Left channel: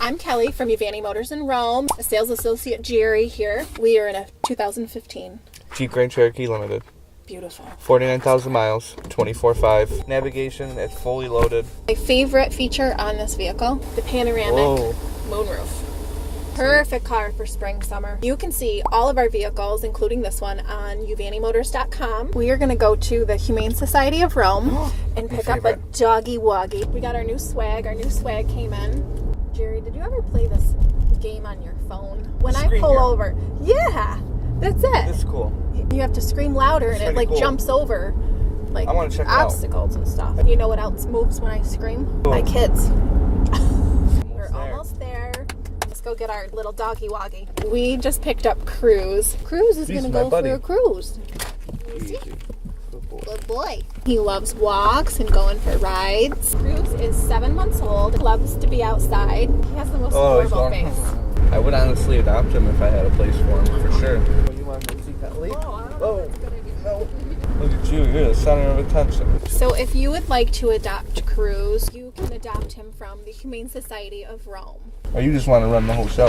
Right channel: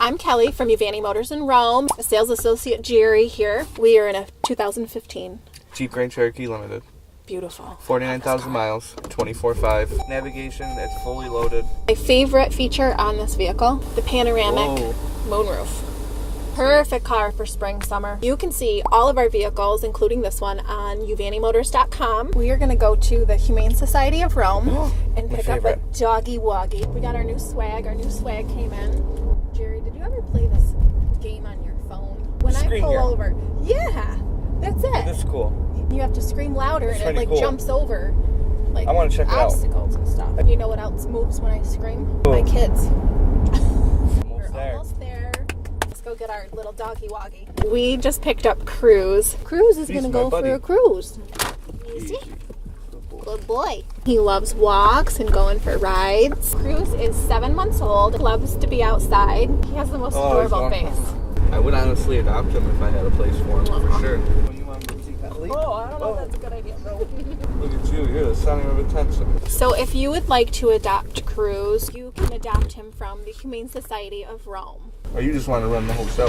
I'm Kelly from Uvanni Motors in Rome, a sales associate Jerry here. We are in a 2015 Jeep Grand Cherokee Limited. Beautiful. 49,000 miles, 24/5. Navigation, it's fully loaded. My favorite feature on this vehicle, the panoramic moonroof. Perfect car for spring, summer. You can see all of our vehicles, including this one, on uvannimotors.com. We are going to go to the Humane Society of Rome and pick up a doggy woggy. We got our new swag. Our new swag came in. Jerry, did you ever play this game on your phone? When I pull over. Yeah, that's it. It's cool. You have to scream louder and it like jumps over like I want to check obstacles and stuff. You know what else moves when I scream? Cool. My kids. We're there. almost there. Let's go get our little doggy woggy. We just picked up Cruze. Cruze is going to go for a cruise. Easy. Good boy. He loves walks and going for rides. Cruze is 7 months old. Loves to be outside. He has the most adorable face. I would honestly adopt him if I had a place for him, for sure. You want to see Kelly? Oh, I don't know if that's a good idea. Look at you, you're the center of attention. So if you would like to adopt Cruze, you can adopt him from the Humane Society of Rome. Or you just want to run the whole show.